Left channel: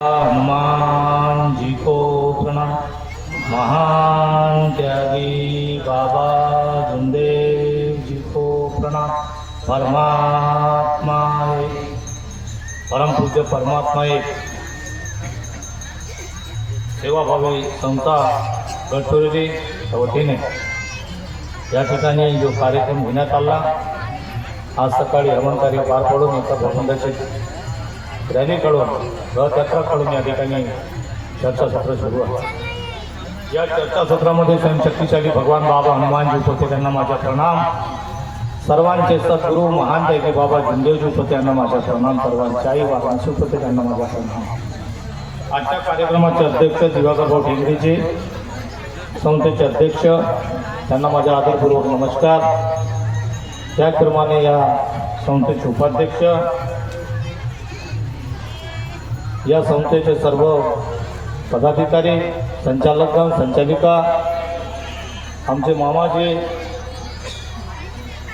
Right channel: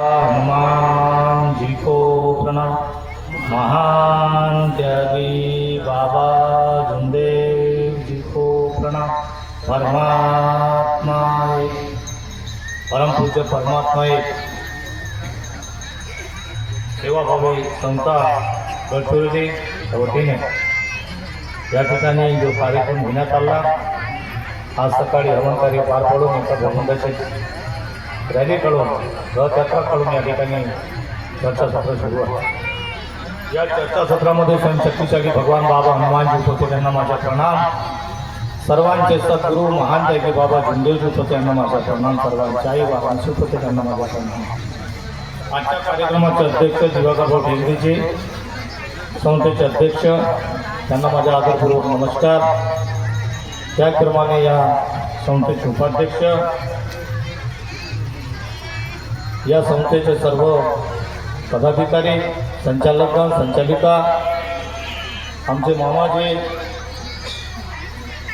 हनुमान जी को प्रणाम। महान त्यागी बाबा गुरुदेव जी को प्रणाम। परमात्मा परम पूज्य परमात्मा एक सेवाभावी संस्था गडचिरोली या वतीने या ठिकाणी जो कार्यक्रम घेण्यात आला आज सकाळी हरमकारी पार पडून एका भ्रमंगाची रॅली काढून रथयात्रा या ठिकाणी चर्चासत्र सुरू आहे. या चर्चासत्रामध्ये शक्तिशाली भगवान बाबा हनुमानजी होते त्यांना माझा प्रणाम. सर्वांचे सद्गुरू महान दैवी बाबा गुंदेव होते त्यांना माझा प्रणाम. सर्वांच्याही बाबा सुख होते त्यांना माझा प्रणाम. आजच्या कार्यक्रमाचे अध्यक्ष दिवाकरभाऊ भेंगरेचे संस्थेचे अध्यक्ष त्यांना माझा आदरपूर्वक नमस्कार. त्याचप्रमाणे या संस्थेचे उपाध्यक्ष या संस्थेचे सर्व पदाधिकारी संचालक संचालिका आमचे मामाचे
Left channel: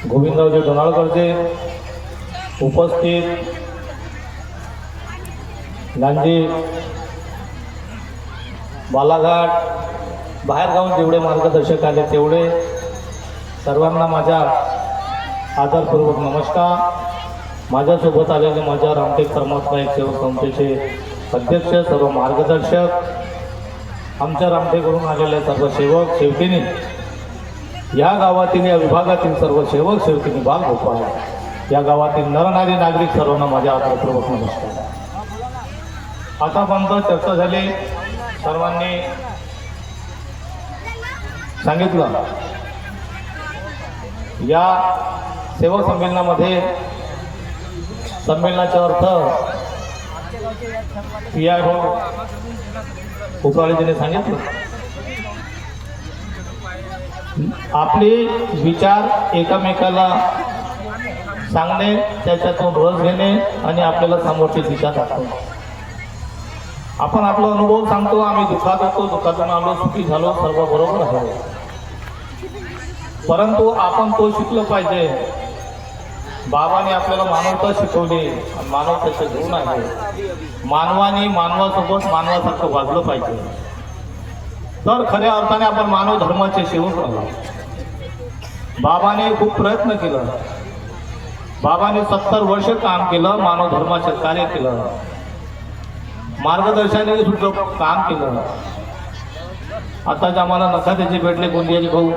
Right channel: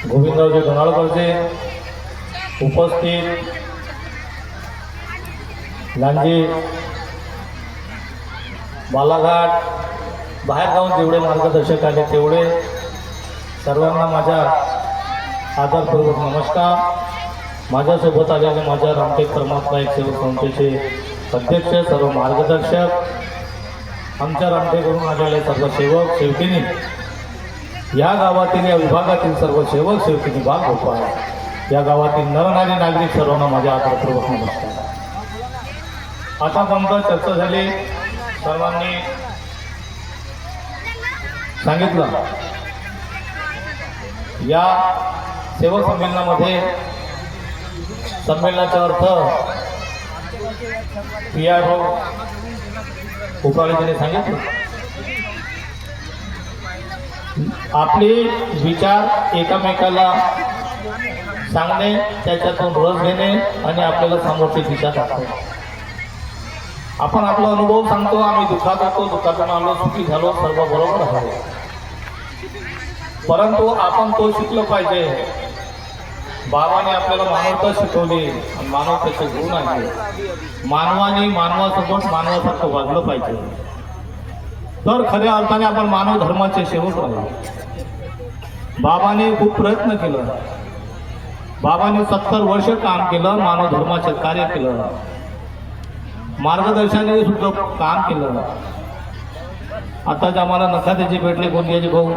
गोविंदरावचे दोनाळकरचे उपस्थित लांजे बालाघाट बाहेर जाऊन जेवढे मार्गदर्शक आले तेवढे सर्वांना माझा आदरपूर्वक नमस्कार. माझ्यासोबत आलेले माझ्या रामटेक परमात्मा एक सेवक संस्थेचे अध्यक्ष सर्व मार्गदर्शक आमच्या रामटेकवरून आलेले सर्व सेवक सेवकिनी. या गावातील या विभागातील सर्व सेवक सेवकिनी भाग होतो आहे या गावातील नरनारी नागरिक सर्वांना माझ्या आपल्यापूर्वक नमस्कार. आतापर्यंत चर्चा झाली. सर्वांनी सांगितलं. या सेवा संमेलनामध्ये संमेलनाचा अर्थ पी आय उपराजीने सांगितलं. आपले विचार एकमेकाला सांगणे त्याच्यातून रस घेणे आणि आपल्याला समोरचे दिशा दाखवणे. आपण आपला अनुभव सांगतो आम्ही दुःखात होतो दुःखातून आलो सुखी झालो सर्व बरोबर झालो. परंतु आपण तो शिकलं पाहिजे. बाबाने आपल्याला मानवता शिकवली. आणि मानवतेचे गुण आहे मानवाने मानवासोबत मानवासारखं वागलं पाहिजे. तर खऱ्या अर्थाने आपण मानव धर्माचे शेवट आहोत. बाबाने खूप प्रयत्न केलं. बाबाने सत्तर वर्ष काम केलं मानव धर्माचं कार्य केलं. मार्गदर्शनाने सुद्धा काम केलं. आताच आम्हाला नखात्याचे भेटले गोंदियाचे भाऊ.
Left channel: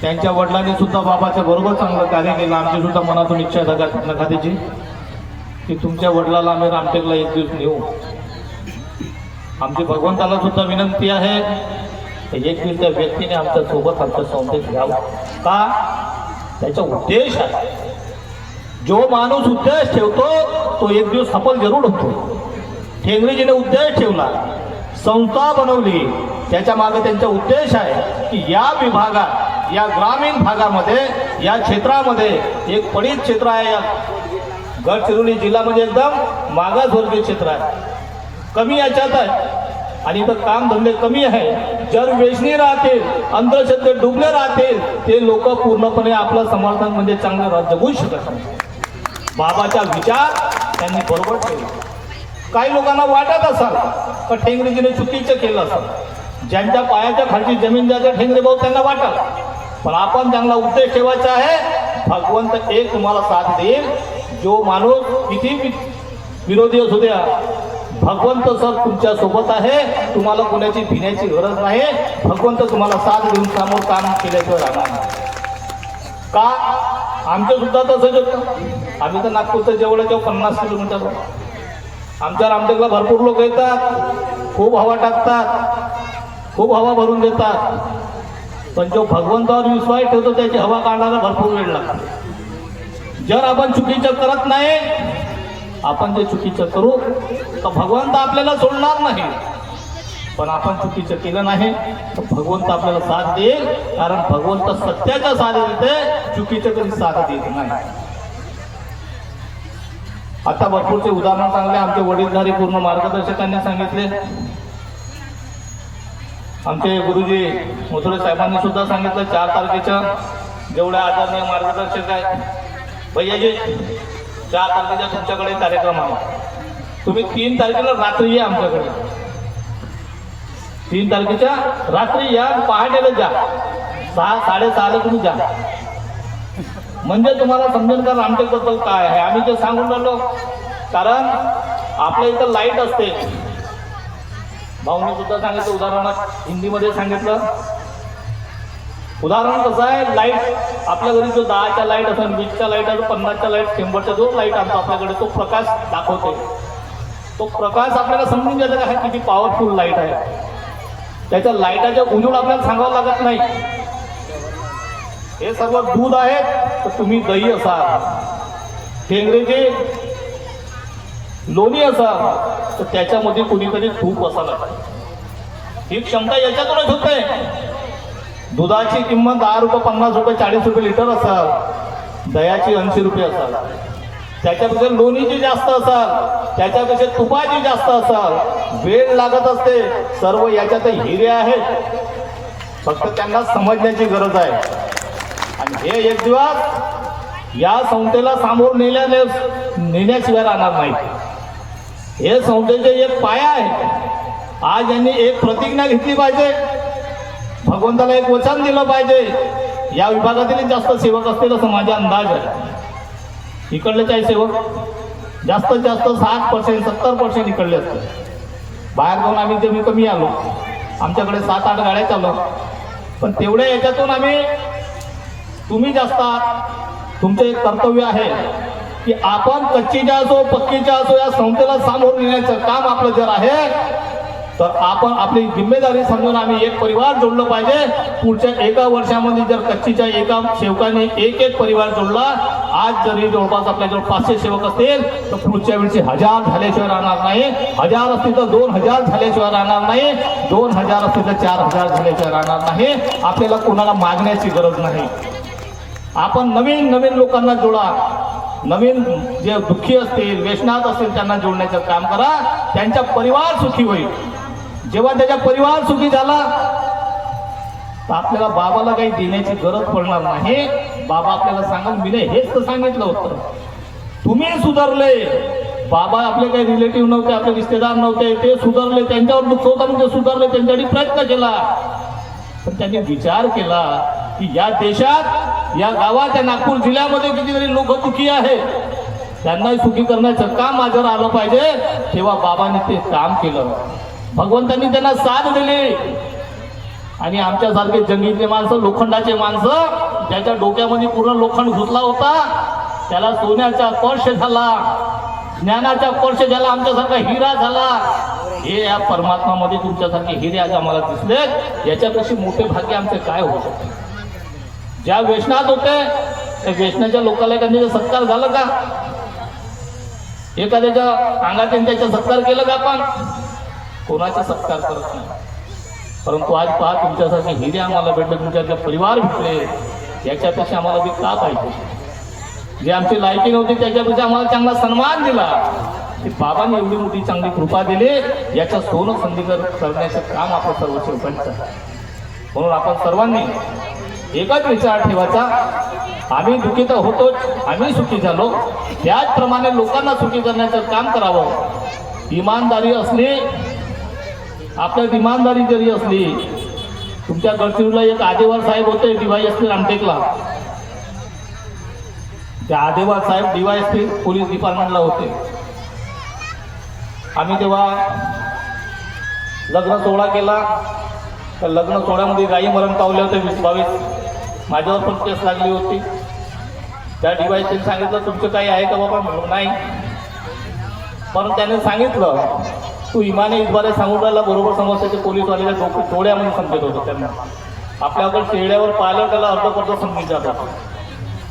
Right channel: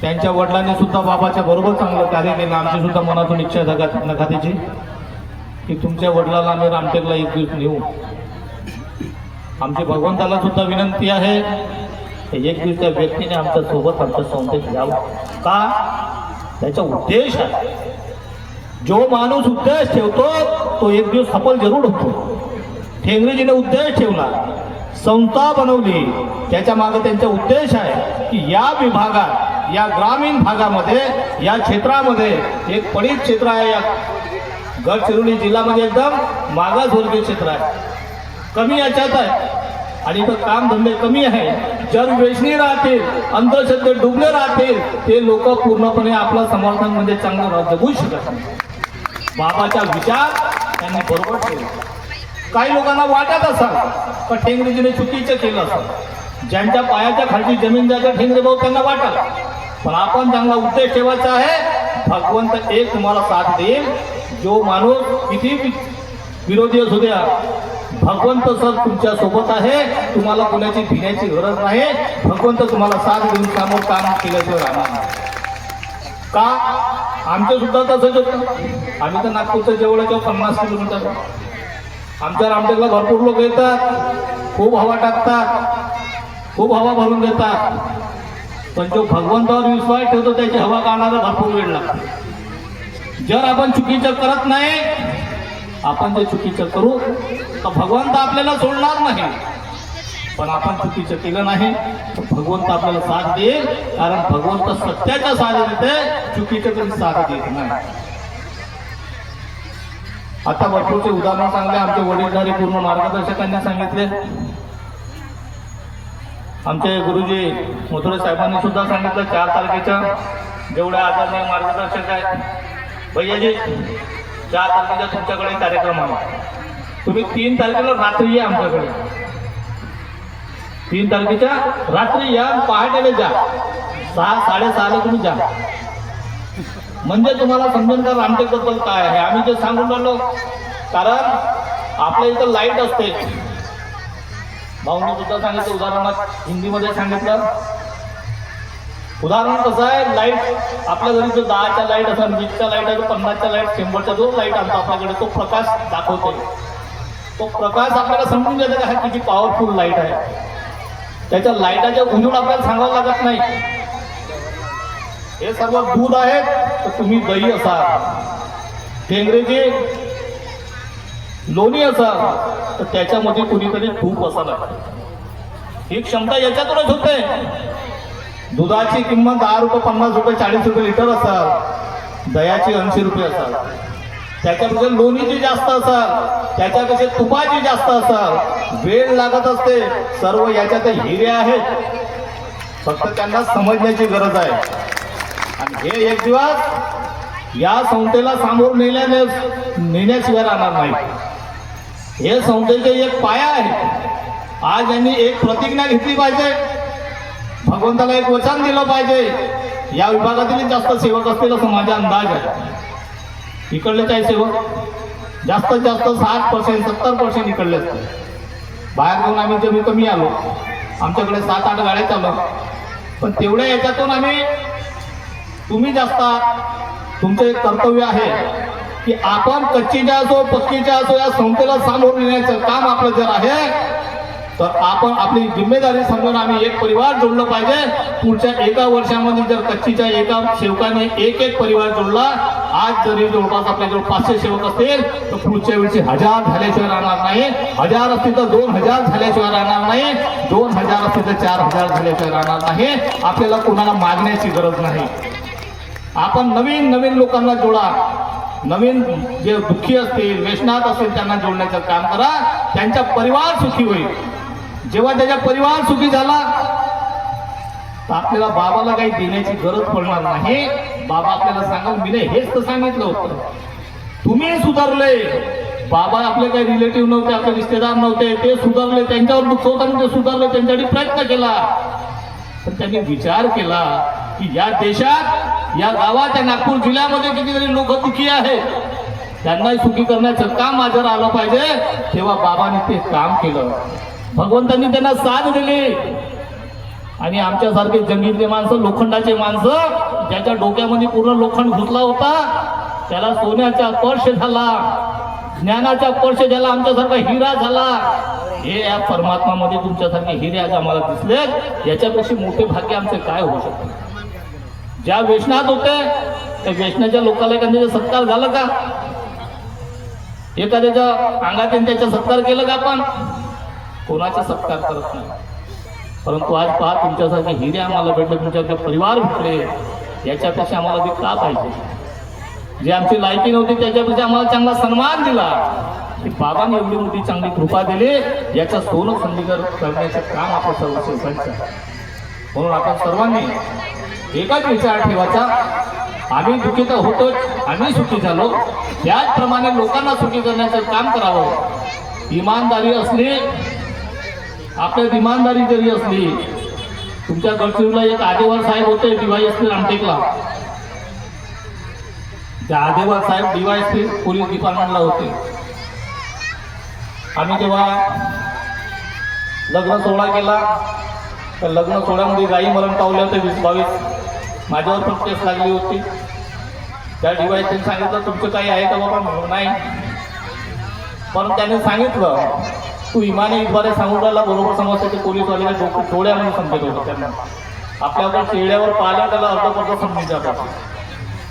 त्यांच्या वडिलांनी सुद्धा बाबाच्या बरोबर चांगलं कार्य केलं. आमची सुद्धा मनातून इच्छा जगात खात्याची. की तुमच्या वडिलाला आम्ही रामटेकला एक दिवस नेऊ. आमची भगवंताला सुद्धा विनंती आहे एक दिवस त्या व्यक्तीने आमच्यासोबत आमच्या संस्थेत घ्यावा. का? त्याचा उद्देश आहे. जो माणूस उद्देश ठेवतो तो एक दिवस सफल जरूर होतो. ठेंगरीजीने उद्देश ठेवला संस्था बनवली. त्याच्यामागे त्यांचा उद्देश आहे की या विभागात या ग्रामीण भागामध्ये या क्षेत्रामध्ये एक पडीत क्षेत्र आहे. या गडचिरोली जिल्ह्यामध्ये एकदम मागासवर्गीय क्षेत्र आहे. कमी याच्यात आहे. आणि इथं काम धंदे कमी आहे. जर वेचणी राहतील अंधश्रद्धे डुबले राहतील ते लोक पूर्णपणे आपलं समर्थन म्हणजे चांगलं जगू शकत नाही. बाबाचा विचार त्यांनी बरोबर केला. काही लोकांना वाटत असाल तर ठेंगरेजीने चुकीचं केलं असेल. ज्यांच्या पायाच्या खालची जमीन जाते ठेंगरे भाऊ त्यांना वाटत पण आपण चांगला उद्देश ठेवायचा आहे. भगवंत एक तुम्हाला साथ देईल. जो माणूस किती विरोधी असू द्या भगवंत सर तुमच्यासोबत आहे. तुम्हाला कोणाची भिण्याची गरज नाही. भगवंत तुम्हाला साथ देऊन समोर काम केल्याशिवाय राहणार नाही. का? आमच्या सुद्धा तसंच होतं. आम्ही तर नागपूरच्या जवळच्या पन्नास किलोमीटर. आमच्या रामटेकला भरपूर लोक येतात. खूप हवा टाकतात. खूप हवा भरून देतात. पण जो भगवंतावर विश्वास ठेवतो त्याची हवा काढायला भरपूर वेळ लागतो. जर आपण चुकीचं करत नाही आपण जे चुकीचं करू तर भगवंत आपल्याला सोडणार नाही. पण आपण चुकीचं केलं नाही तर भगवंत आपल्याला साथ देईल कारण भगवंत सत्याच्या साथ देते चुकीचं तरी साथ देत नाही. आता भरपूरचे उदाहरण चांगले आमचे वडीलधारी पूर्ण मार्गदर्शकांनी सांगितले. आमचे गुरुजी मथुरे साहेबांनी सुद्धा सांगितलं चार तारखेच्या जेवढ्या आदरणीय मार्गदर्शक आहेत. भैयाजी चार तारखेचा तुमच्याकडे कार्यक्रम आहे. तुम्ही तीन तारखेला रात्री या आमच्याकडे. तीन तारखेच्या रात्री या पहाटेला जा. सहा साडेसहाला तुम्ही जा. म्हणजे तुम्हाला समजेल का रामटेक काय आहे. आम्ही ते सांगून राहिलो कारण आपल्या इथं लाइट असते. भाऊने सुद्धा सांगितलं उदाहरणात हिंदीमध्ये सांगितलं. उदाहरण कसं आहे? लाइट आपल्या घरी जो दहाच्या लाइट असं वीसच्या लाइट असं पन्नासच्या लाइट शंभरच्या जो लाइट आणतो आपल्याकडे तो प्रकाश दाखवतो तो प्रकाश आपल्याला समजून घेतो हा किती पॉवरफुल लाइट आहे. त्याच्या लाईटाच्या गुंजून आपल्याला सांगावं लागत नाही. हे सर्व दूध आहेत तर तुम्ही दही असाल. टेंगरेचे लोणी असाल तर त्याच्यामध्ये कुणीतरी तूप असायला ही क्षमता याच्यातूनच होते. दुधाची किंमत दहा रुपये पन्नास रुपये चाळीस रुपये लिटर असाल. दयाची ऐंशी रुपये असाल. त्याच्यापेक्षा लोणीची जास्त असाल. त्याच्यापेक्षा तुपाची जास्त असाल. वेळ लागत असते. सर्व याच्यात हिरे आहेत. फक्त त्यांना समजण्याची गरज आहे. आणि हे एक दिवस या संस्थेला सामोर नेल्याने नेण्याशिवाय राहणार नाही. हे संस्थेचे एक पाया आहे. आज यांनी एक प्रतिज्ञा घेतली पाहिजे. भगवंताला एक वचन दिलं पाहिजे. या विभागातील जास्त सेवक असतील असं माझा अंदाज आहे. इकडलेच आहे सेवक? जास्तीत जास्त साठ पर्सेंट सत्तर पर्सेंट इकडले असतात बाहेर जाऊन आम्ही कमी कमी आलो आमच्याकडे सात आठ गाड्या चालू पण तेवढ्या याच्यातून आम्ही तुम्ही जास्त तुमचं एक कर्तव्य आहे. की आपण कच्चीच्या असो पक्कीच्या असो या संस्थेला सामोरं नेण्याचं काम आपलं जर आहे तर आपण आपली जिम्मेदारी समजून आम्ही एक परिवार जोडलं पाहिजे. पुढच्या एका वर्षामध्ये जर कच्चीच्या एका सेवकाने एक एक परिवार जोडला आज जरी जवळपास आपल्याकडे पाचशे सेवक असतील तर पुढच्या वेळी हजार झाल्याशिवाय राहणार नाही. हजार असतील तर दोन हजार झाल्याशिवाय राहणार नाही. दोन हजार असतील तर चार हजार झाल्याशिवाय राहणार नाही. आपल्याला कोणाला मागण्याची गरज नाही. आपण नवीन नवीन लोकांना जोडा. नवीन जे दुःखी असतील व्यसनात असतील त्यांना जोडण्याचं काम करा. त्यांचा परिवार सुखी होईल. जेव्हा त्याचा परिवार सुखी झाला तर आपल्याला बाबाला काही देण्याची गरज पडणार नाही. बाबा आपल्याला सांगाल मी हेच तर सांगितलं होतं. तुम्ही सुधारले. बाबा आपले काही रिलेटिव्ह नव्हते आपले रिश्तेदार नव्हते ते सुधारले त्यांच्यावर दुःख होतं ते सुधारले त्यांच्यासाठी प्रयत्न केला. पण त्यांनी विचार केला की या देशात या गावात या नागपूर जिल्ह्यामध्ये कितीतरी लोक दुखी आहेत. त्यांनाही सुखी करण्याचं काम माझ्यावर आलं पाहिजे. तेव्हा बाबाने ते काम केलं. भगवंतांनी त्यांना साथ दिली. आणि आमच्यासारखे जंगीतले माणसं लोखंडाचे माणसं ज्याच्या डोक्यामध्ये पूर्ण लोखंड घुसला होता त्याला सोन्याचा स्पर्श झाला. ज्ञानाचा स्पर्श झाला. आमच्यासारखा हिरा झाला. हे या परमात्मामध्ये तुमच्यासारखे हिरे आज आम्हाला दिसले याच्यापेक्षा मोठे भाग्य आमचे काय होऊ शकते? ज्या वेशनात होते त्या वेशनाच्या लोकांना एखाद्याचा सत्कार झाला का? एखाद्याच्या अंगातून त्याचा सत्कार केला का आपण? कोणाचा सत्कार करत नाही. परंतु आज पहा तुमच्यासारखे हिरे आम्हाला भेटले तुमच्याकडे परिवार भेटले याच्यापेक्षा आम्हाला ते का पाहिजे? जे आमची लायकी नव्हती त्याच्यापेक्षा आम्हाला चांगला सन्मान दिला. की बाबांनी एवढी मोठी चांगली कृपा दिली याचा सोनं संधीकर करण्याचं काम आपण सर्व आहे. म्हणून आपण सर्वांनी एकाच विचार ठेवायचा. आम्ही दुखी तर होतोच आम्ही सुखी झालो. त्याचप्रमाणे लोकांना सुखी करण्याचं काम करावं. इमानदारी असली आपल्यात इमानदारी जरी असली तुमच्या गडचिरोलीला एक आदेवार साहेब होते डीवायएसपी रामटेकला. त्या आदेवार साहेब डीवाय असतील पोलीस डिपार्टमेंटला होते. आम्ही तेव्हा लग्न सोहळा केला तर लग्न सोहळ्यामध्ये गाई मरण पावले होते वीस बावीस. माझ्यावर पण केस लागली होती. त्या डीवायएसपीने सांगितलं तुमचं काही आहे का बाबा? म्हणून नाही. पण त्याने सांगितलं तू इमाने इतबारे सांगून राहिला बरोबर समजते ते पोलीसवाले डोकं थोड्यामध्ये समजत होतं त्यांना. आपल्याकडे चेहऱ्यावर पाहिलं त्याला अर्ध समजून जातात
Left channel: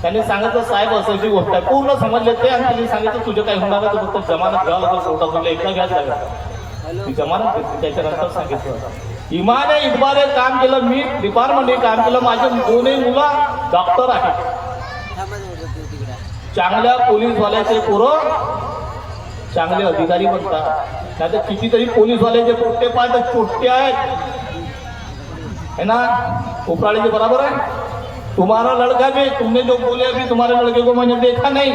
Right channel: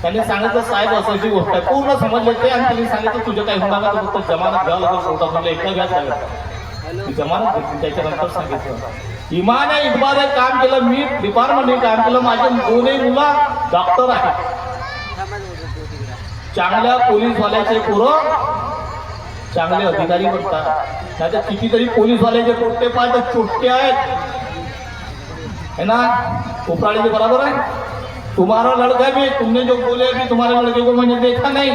त्यांनी सांगितलं साहेब असायची गोष्ट आहे. पूर्ण समजले ते आणि त्यांनी सांगितलं तुझे काही होणार नाही फक्त जमानत घ्यावं होता मला एकदा घ्यायचं लागेल जमानत घेतली त्याच्यानंतर सांगितलं. इमाने इतबारे काम केलं मी डिपार्टमेंटने काम केलं माझे दोन्ही मुला डॉक्टर आहे चांगल्या पोलीसवाल्याचे पोरं चांगले अधिकारी म्हणतात नाही तर कितीतरी पोलीसवाल्याचे पोट्टे पाय तर चोट्टे आहेत. है ना? उपराळीचे बराबर है तुम्हारा लड़का भी तुमने जो बोले अभी तुम्हारे लड़के को मैंने देखा नहीं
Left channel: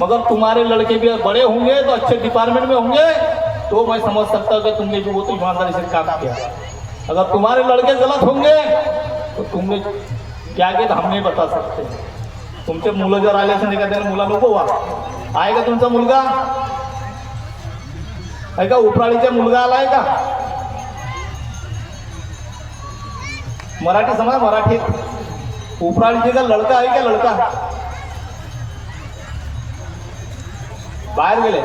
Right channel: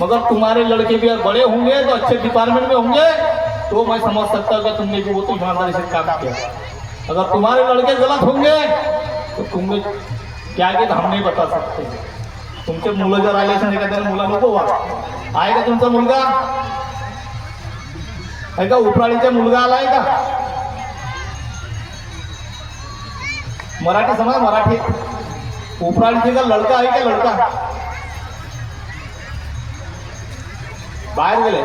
मगर तुम्हारे लड़के भी बड़े होंगे तो अच्छे डिपार्टमेंट में होंगे तो मैं समझ सकता हूँ कि तुमने जो वो तो ईमानदारी से काम किया। अगर तुम्हारे लड़के गलत होंगे तो तुमने क्या किया हम नहीं बता सकते। तुमचे मुलं जर आले नाही का मुला नको वा आहे का तुमचा मुलगा? आहे का उपराळीचा मुलगा आलाय का मराठी समजा मराठी। उपराळीचे का लडका आहे का लडका? बाहेर गेले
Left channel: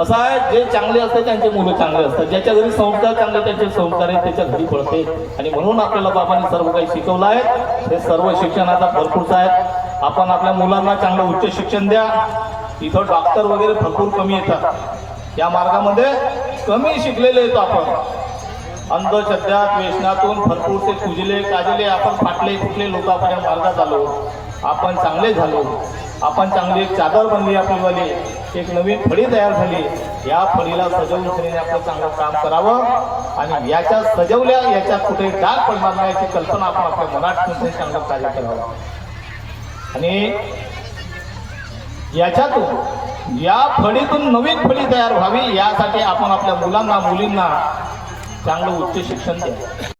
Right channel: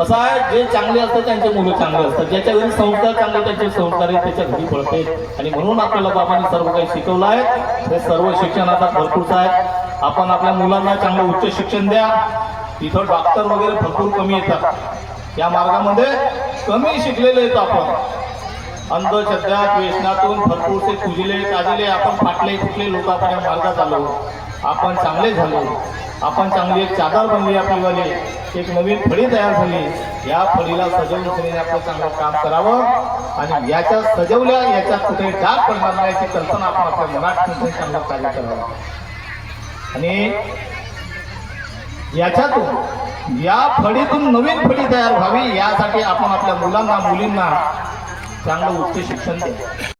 असं आहे जे चांगले असतात त्यांचे मुलं चांगले असतात. ज्याच्या घरी संस्कार चांगले त्यांचे संस्कार आहेत त्याच्या घरी पडते आणि म्हणून आपल्याला बाबांनी सर्व काही शिकवलं आहे. हे सर्व शिक्षण आता भरपूर आहेत आपण आपल्या मुलांना चांगलं उच्च शिक्षण द्या. तिथं डॉक्टर वगैरे भरपूर कमी येतात. या मार्गामध्ये कमी शिकलेले आहेत आपण. अंधश्रद्धा व्यसनातून भरपूरसे पूजले काजले आपण फाटले कुठले लोक आपण मार्गात आलो. आपण चांगले झालो. आपण चांगली एक चादर बनली आपली एक नवीन फळी तयार झाली. या फळीला सजवून ठेवणे आपलं चांगलं काम करावं. आणि याच्या सजवल्या याच्यात कुठे डाग पडणार नाही याची कल्पना आपण आपल्या मनात ठेवून चांगलं कार्य करावं. आणि याच्यातून या फळीतून नवीन फळी तयार व्हावी यासाठी आपण आपल्या मुलांना मुलींना चांगलं उच्च शिक्षण द्यावं